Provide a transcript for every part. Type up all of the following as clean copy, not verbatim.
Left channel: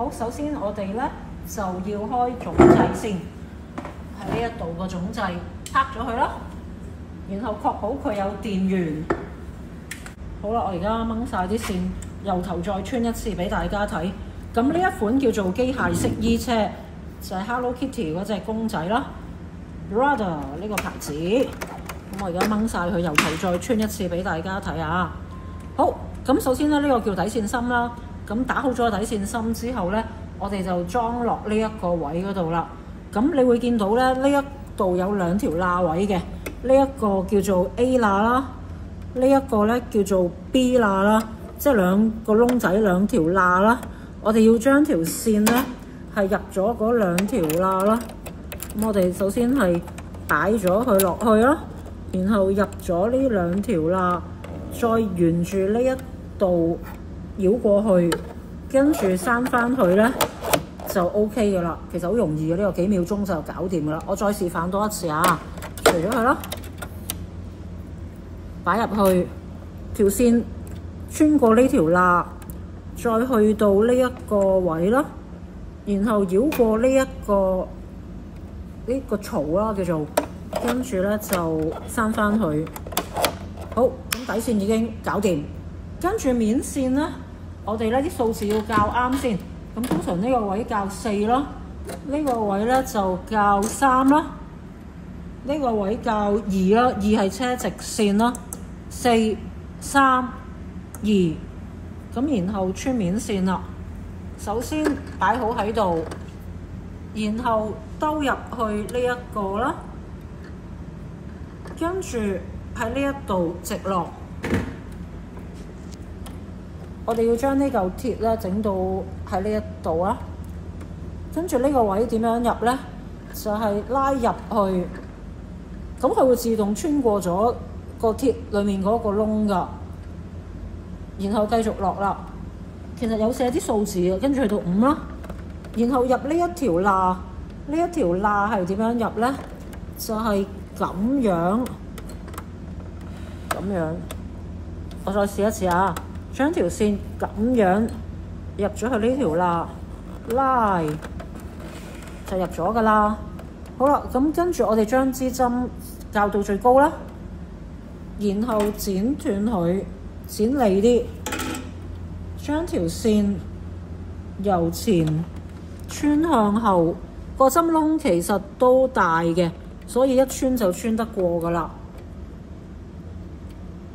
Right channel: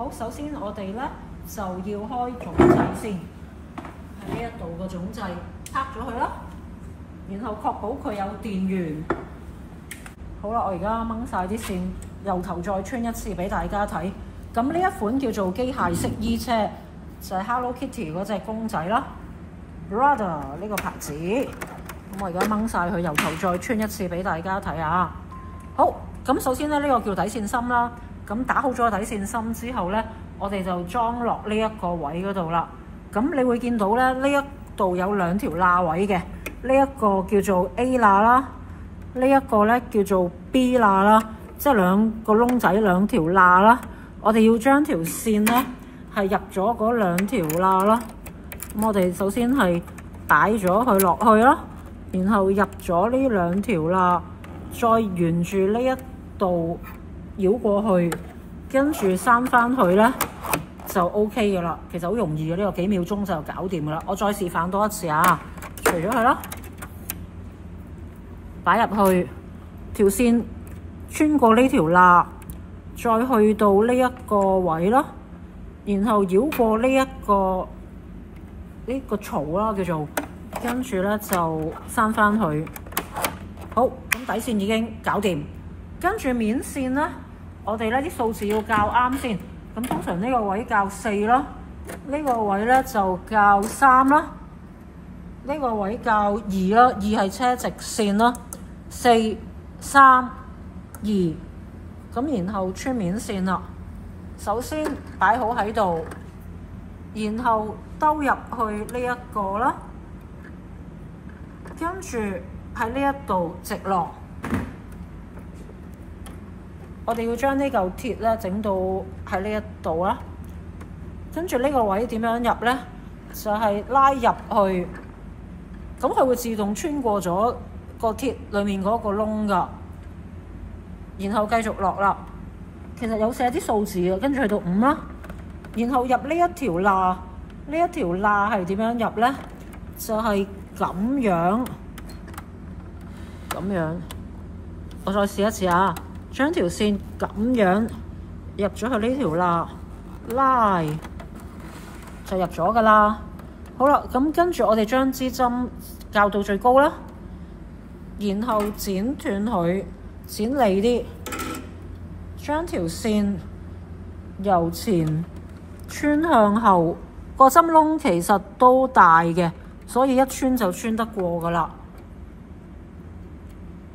好，首先我哋咧就要開總掣先，喺呢一度個總掣拍咗佢啦，然後確保佢有電源。好啦，我而家掹晒啲線，由頭再穿一次俾大家睇。咁呢一款叫做機械式衣車，就係 Hello Kitty 嗰隻公仔啦 ，Brother 呢個牌子。咁我而家掹晒佢，由頭再穿一次俾大家睇下。好，咁首先咧呢個叫底線芯啦。咁打好咗底線芯之後咧，我哋就裝落呢一個位嗰度啦。咁你會見到咧，呢一度有兩條罅位嘅，呢一個叫做 A 罅啦，呢一個咧叫做 B 罅啦，即係兩個窿仔兩條罅啦。我哋要將條線咧係入咗嗰兩條罅啦。咁我哋首先係擺咗佢落去啦，然後入咗呢兩條罅，再沿住呢一度繞過去，跟住閂翻佢咧就 OK 嘅啦。其實好容易嘅，呢個幾秒鐘就搞掂嘅啦。我再示範多一次啊，除咗佢啦，擺入去條線，穿過呢條罅。再去到呢一個位啦，然後繞過呢個槽啦，叫做，跟住咧就閂翻佢。好，咁底線已經搞掂，跟住面線咧，我哋咧啲數字要校啱先。咁通常呢個位校4啦，呢個位咧就校3啦，呢個位校2啦，2係車直線啦，4、3、2。咁然後穿面線啦，首先擺好喺度，然後兜入去呢一個啦，跟住喺呢一度直落。我哋要將呢嚿鐵咧整到喺呢一度啦，跟住呢個位點樣入咧？就係拉入去，咁佢會自動穿過咗個鐵裡面嗰個窿㗎。然後繼續落啦，其實有寫啲數字嘅，跟住去到5啦，然後入呢一條罅，呢一條罅係點樣入咧？就係咁樣，我再試一次啊！將條線咁樣入咗去呢條罅，拉就入咗㗎啦。好啦，咁跟住我哋將支針校到最高啦，然後剪斷佢。剪利啲，將條線由前穿向後，個針窿其實都大嘅，所以一穿就穿得過㗎啦。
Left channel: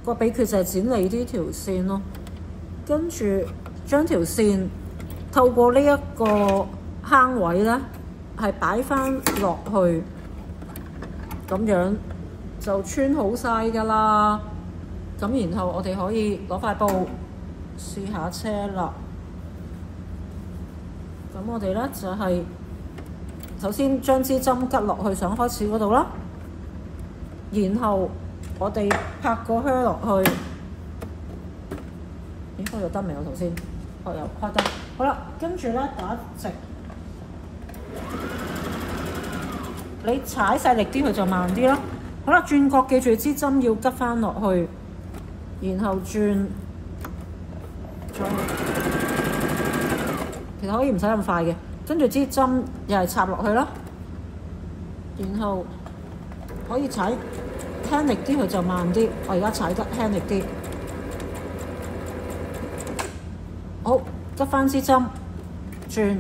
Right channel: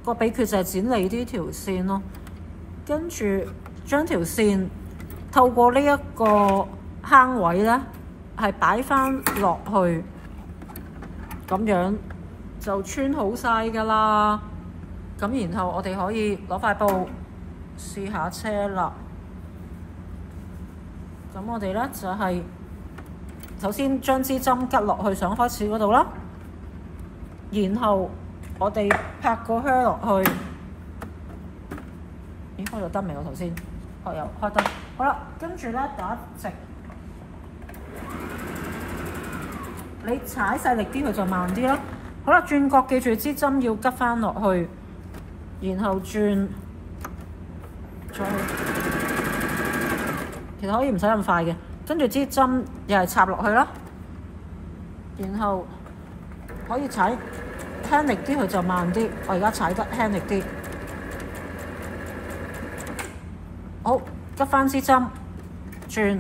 個秘訣就係剪利啲條線咯，跟住將條線透過呢一個坑位咧，係擺翻落去，咁樣就穿好晒㗎啦。咁然後我哋可以攞塊布試下車啦。咁我哋咧就係首先將支針吉落去想開始嗰度啦，然後我哋拍個靴落去。咦，開咗燈未？我頭先有開燈。好啦，跟住咧打直，你踩細力啲佢就慢啲啦。好啦，轉角記住支針要吉翻落去。然後轉，其實可以唔使咁快嘅，跟住支針又係插落去啦，然後可以踩輕力啲，佢就慢啲。我而家踩得輕力啲，好，執翻支針，轉，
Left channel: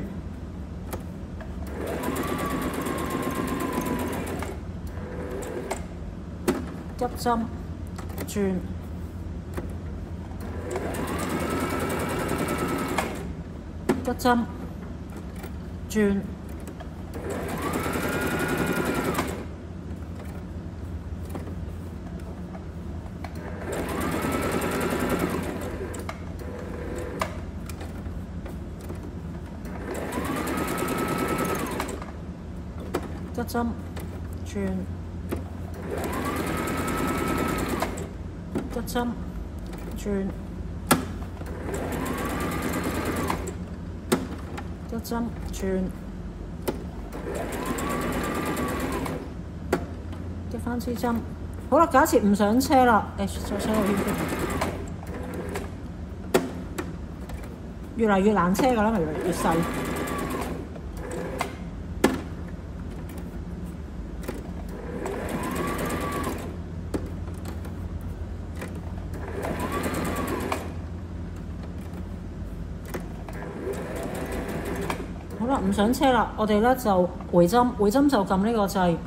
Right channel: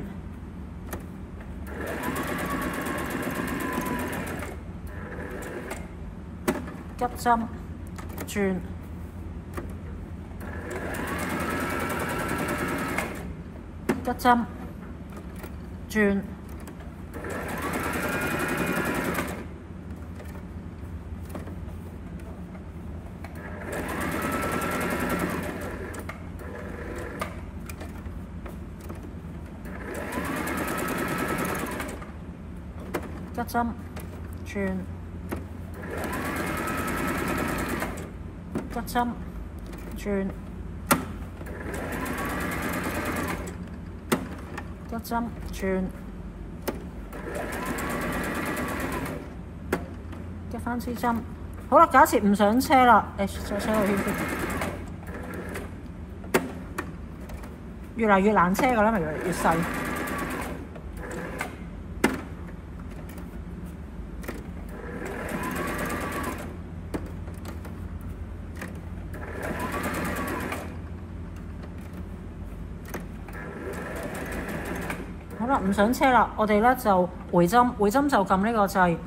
執針，轉。吉針，轉，吉針，轉，吉針，轉。吉針轉，吉翻支針。好啦，假設唔上車啦，再車個圈先。越嚟越難車㗎啦，咪越嚟越細。好啦，唔想車啦，我哋咧就回針，回針就撳呢個掣，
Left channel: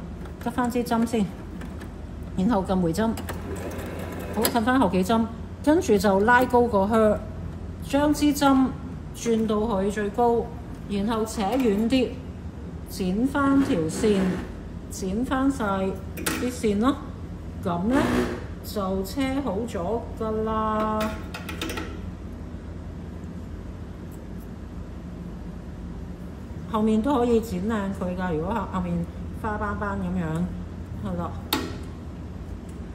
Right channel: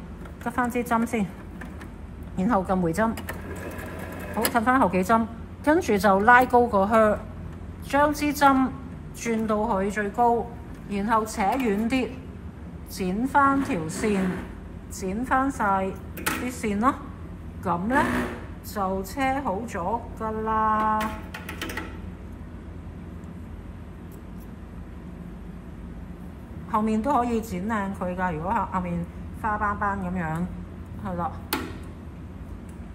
得翻支針先，然後撳回針，好，褪翻後幾針，跟住就拉高個靴，將支針轉到去最高，然後扯遠啲，剪翻條線，剪翻晒啲線咯，咁咧就車好咗㗎啦。後面都可以剪靚佢㗎，如果後面花斑斑咁樣，係啦。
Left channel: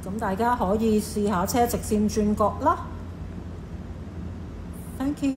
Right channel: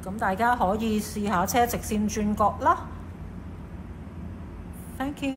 咁大家可以試下車直線轉角啦。Thank you。